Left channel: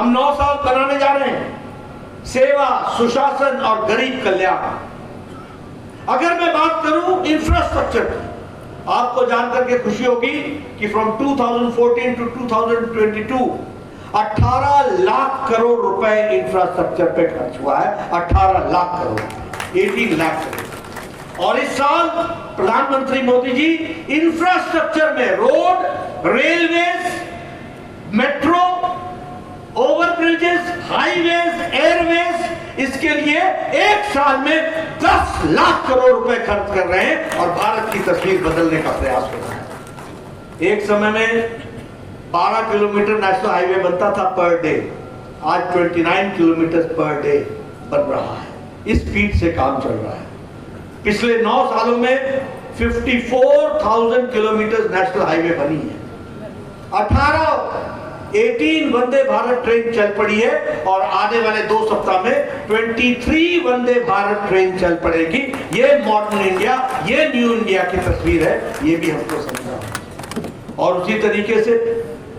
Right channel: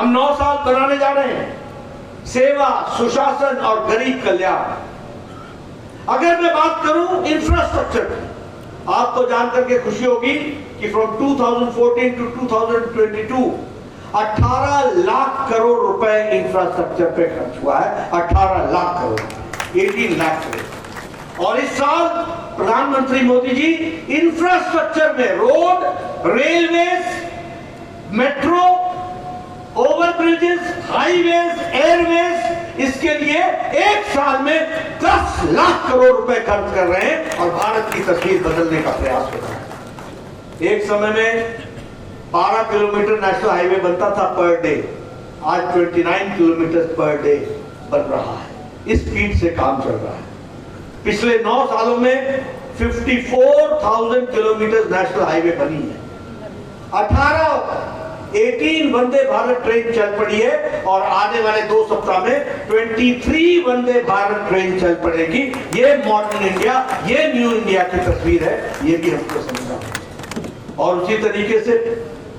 हम 9 साल बनाने जा रहे हैं, सेवा, सुशासन और गरीब कल्याण। अगर मैं बात करूं इंफ्रास्ट्रक्चर की, आपको जानकर के खुशी होगी कि फ्रॉम 2014 टू 2022 18 लाख करोड़ रुपए इंफ्रास्ट्रक्चर पे खर्च हुआ है। 18 लाख करोड़, 18 लाख करोड़। और इस साल प्रधानमंत्री मोदी जी इंफ्रास्ट्रक्चर में road, railways, metro, overbridges, highways, airways, इसके लिए एक साल में 10 लाख करोड़ रुपए खर्च कर रहे हैं और भारत की तस्वीर बदलने का प्रयास कर रहे हैं। एक समय में 12 किलोमीटर नेशनल हाईवे बनता था पर डे, आज 29 किलोमीटर पर डे बन रहा है। इस स्पीड से काम चल रहा है। पिछले 9 सालों में 54,000 किलोमीटर नेशनल हाईवे बनी है। 18 वंदे भारत ट्रेन चल पड़ी है और आने वाले 2 सप्ताह में 23 वंदे भारत ट्रेन चल पड़ेगी। ये मॉडर्न इंडिया, ये न्यू इंडिया की तस्वीर है, ये भी हमको समझना। और उसी तरीके से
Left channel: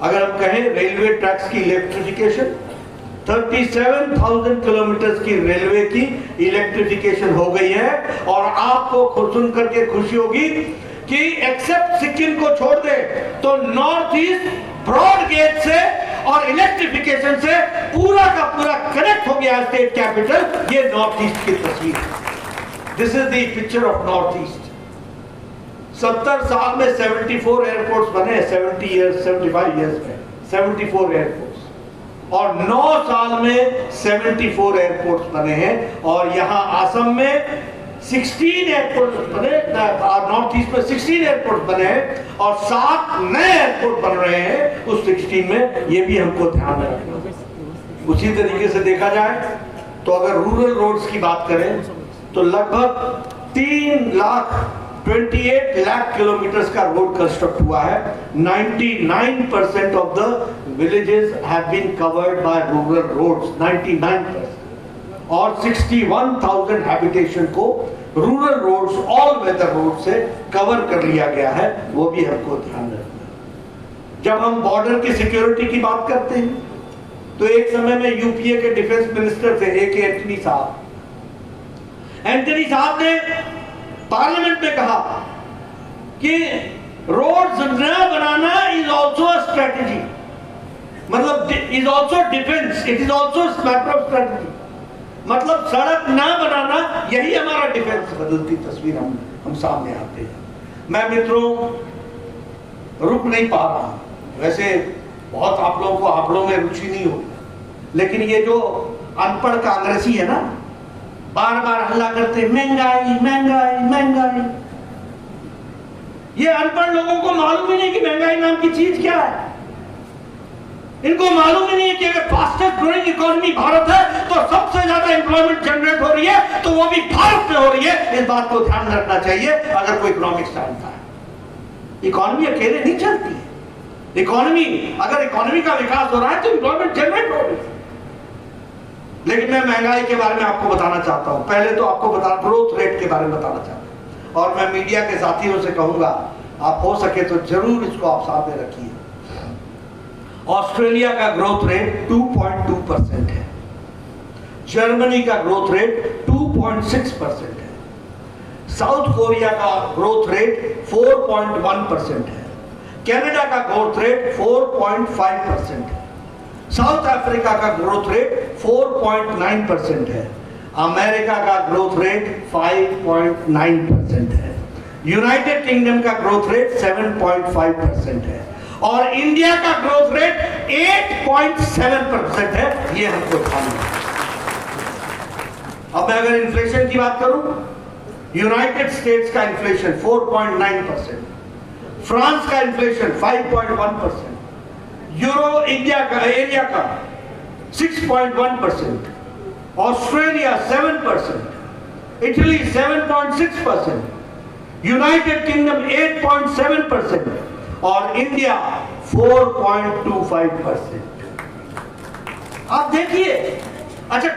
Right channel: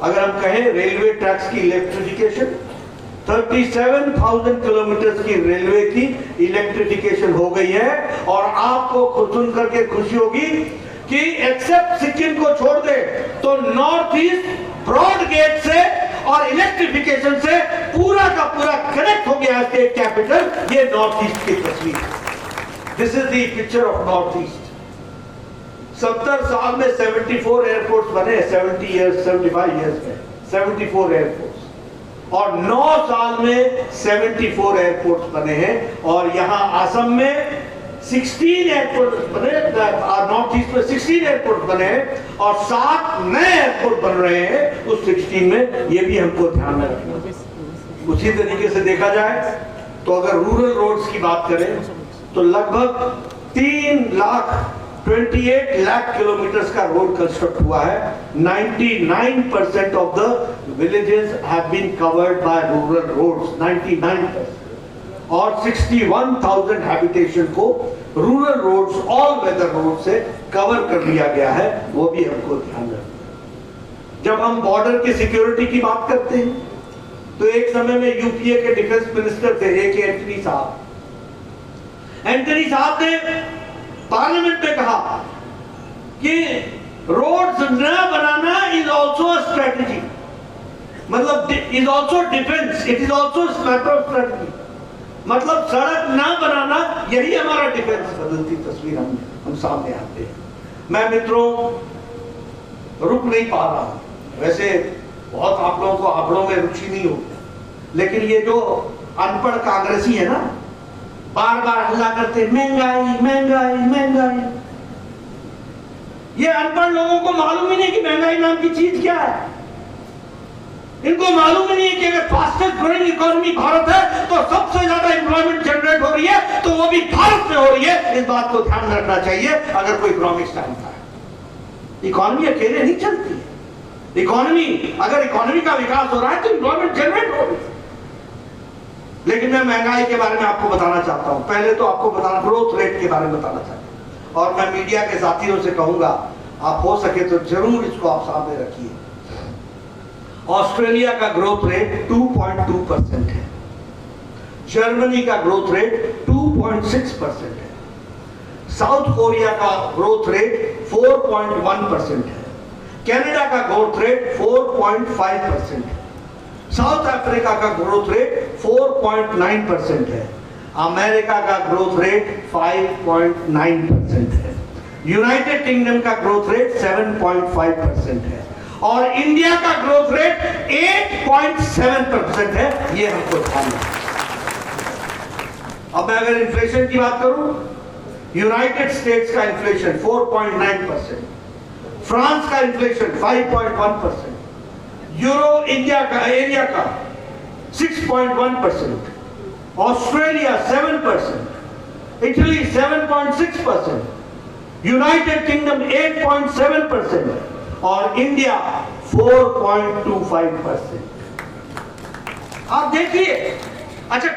अगर हम कहें रेलवे ट्रैक्स की इलेक्ट्रिफिकेशन, 37,000 किलोमीटर की रेलवे की इलेक्ट्रिफिकेशन हो गई है। और आपको सुन करके खुशी होगी कि एक्सेप्ट सिक्किम को छोड़ दे तो नॉर्थ ईस्ट ब्रॉड गेज से और इलेक्ट्रिफिकेशन से पूरा का पूरा कनेक्ट हो गया स्टेट कैपिटल। ये नॉर्थ ईस्ट की तस्वीर है। This is the picture of north east. 70 साल में 74 एयरपोर्ट्स बने, 75 ईयर्स में 74 एयरपोर्ट्स, और 9 साल में 74 एयरपोर्ट्स बने हैं। और यहां असम में 16 एयरपोर्ट बने, नॉर्थ ईस्ट में 16 एयरपोर्ट बने हैं और 7 नए एयरपोर्ट बन रहे हैं उस 16 में। ये भी हमको ध्यान में रखना। उसी तरीके से देखा जाए तो अगर रूरल रोड्स की बात करें तो लगभग 28 लाख किलोमीटर का रोड कंस्ट्रक्ट हुआ है। 99% of the villages have been covered by rural roads, 99%। और 61,000 हैबिटेशन को rural roads, all weather road से कवर कर लिया गया है। वो भी हमको ध्यान रखना। जब हम बॉर्डर की सिक्योरिटी की बात करते हैं तो एक समय में यूपीए के डिफेंस मिनिस्टर थे ए.के. एंटनी साहब। एंटनी साहब ने पार्लियामेंट में कहा कि रोड्स न बनाना इज ऑल्सो अ स्ट्रेटेजी, मतलब is also defence, it is also matter of strategy. मतलब सड़क ना बनाना यही हमारा डिफेंस। बदलती तस्वीर हम सामने आते हैं। मैं मित्रों रुक नहीं पा रहा। वैसे बहुत आप लोगों को आंकड़ों में रुचि नहीं हो, लेकिन ये जो अनपढ़ कांग्रेसी है ना, बार बार हल्ला करते महंगाई महंगाई महंगाई। ये अनपढ़ लोगों को मालूम ही नहीं कि महंगाई नाम की चीज क्या है। इनको मालूम ही नहीं है कि अगर फास्टेस्ट ग्रोइंग इकोनॉमी भारत है तो सबसे ज्यादा एम्प्लॉयमेंट जनरेट हो रही है तो वो भी भारत में हो रही है। इस बात को ध्यान में रखना चाहिए अगर कोई इकोनॉमिक्स जानता है। इकोनॉमी अकेले नहीं चलती है। इकोनॉमी, अगर इकोनॉमी का विकास हो रहा है तो एम्प्लॉयमेंट जनरेट हो रही है। लेकिन मैं महंगाई के बारे में आपको बताना चाहता हूं। पहले तो आपको ग्रोथ रेट के बारे में बताना चाहता हूं और मैं मीडिया के साथियों से कहूंगा आप हो सके तो जरूर इसको आप सामने रखिए। ऑस्ट्रेलिया का ग्रोथ रेट 2.2% है। जर्मनी का ग्रोथ रेट 2.6% है। साउथ कोरिया का ग्रोथ रेट 4.1% है। कनाडा का ग्रोथ रेट 4.5% है। साउथ अफ्रीका का ग्रोथ रेट 4.9% है। अमेरिका का ग्रोथ रेट 5.9% है। यूनाइटेड किंगडम का ग्रोथ रेट 7.5% है और इंडिया का ग्रोथ रेट 8.7% है। ये हमको ध्यान रखना। अब मैं अगर इन्फ्लेशन की बात करूं, यूनाइटेड स्टेट्स का इन्फ्लेशन 4.9%, फ्रांस का इन्फ्लेशन 5.1%, यूरो इंडिया का एरिया का 6.1%, ऑस्ट्रेलिया 7%, इटली 7.6%, यूनाइटेड किंगडम 8.7% और इंडिया 4.25%। आप देखिए। अच्छा,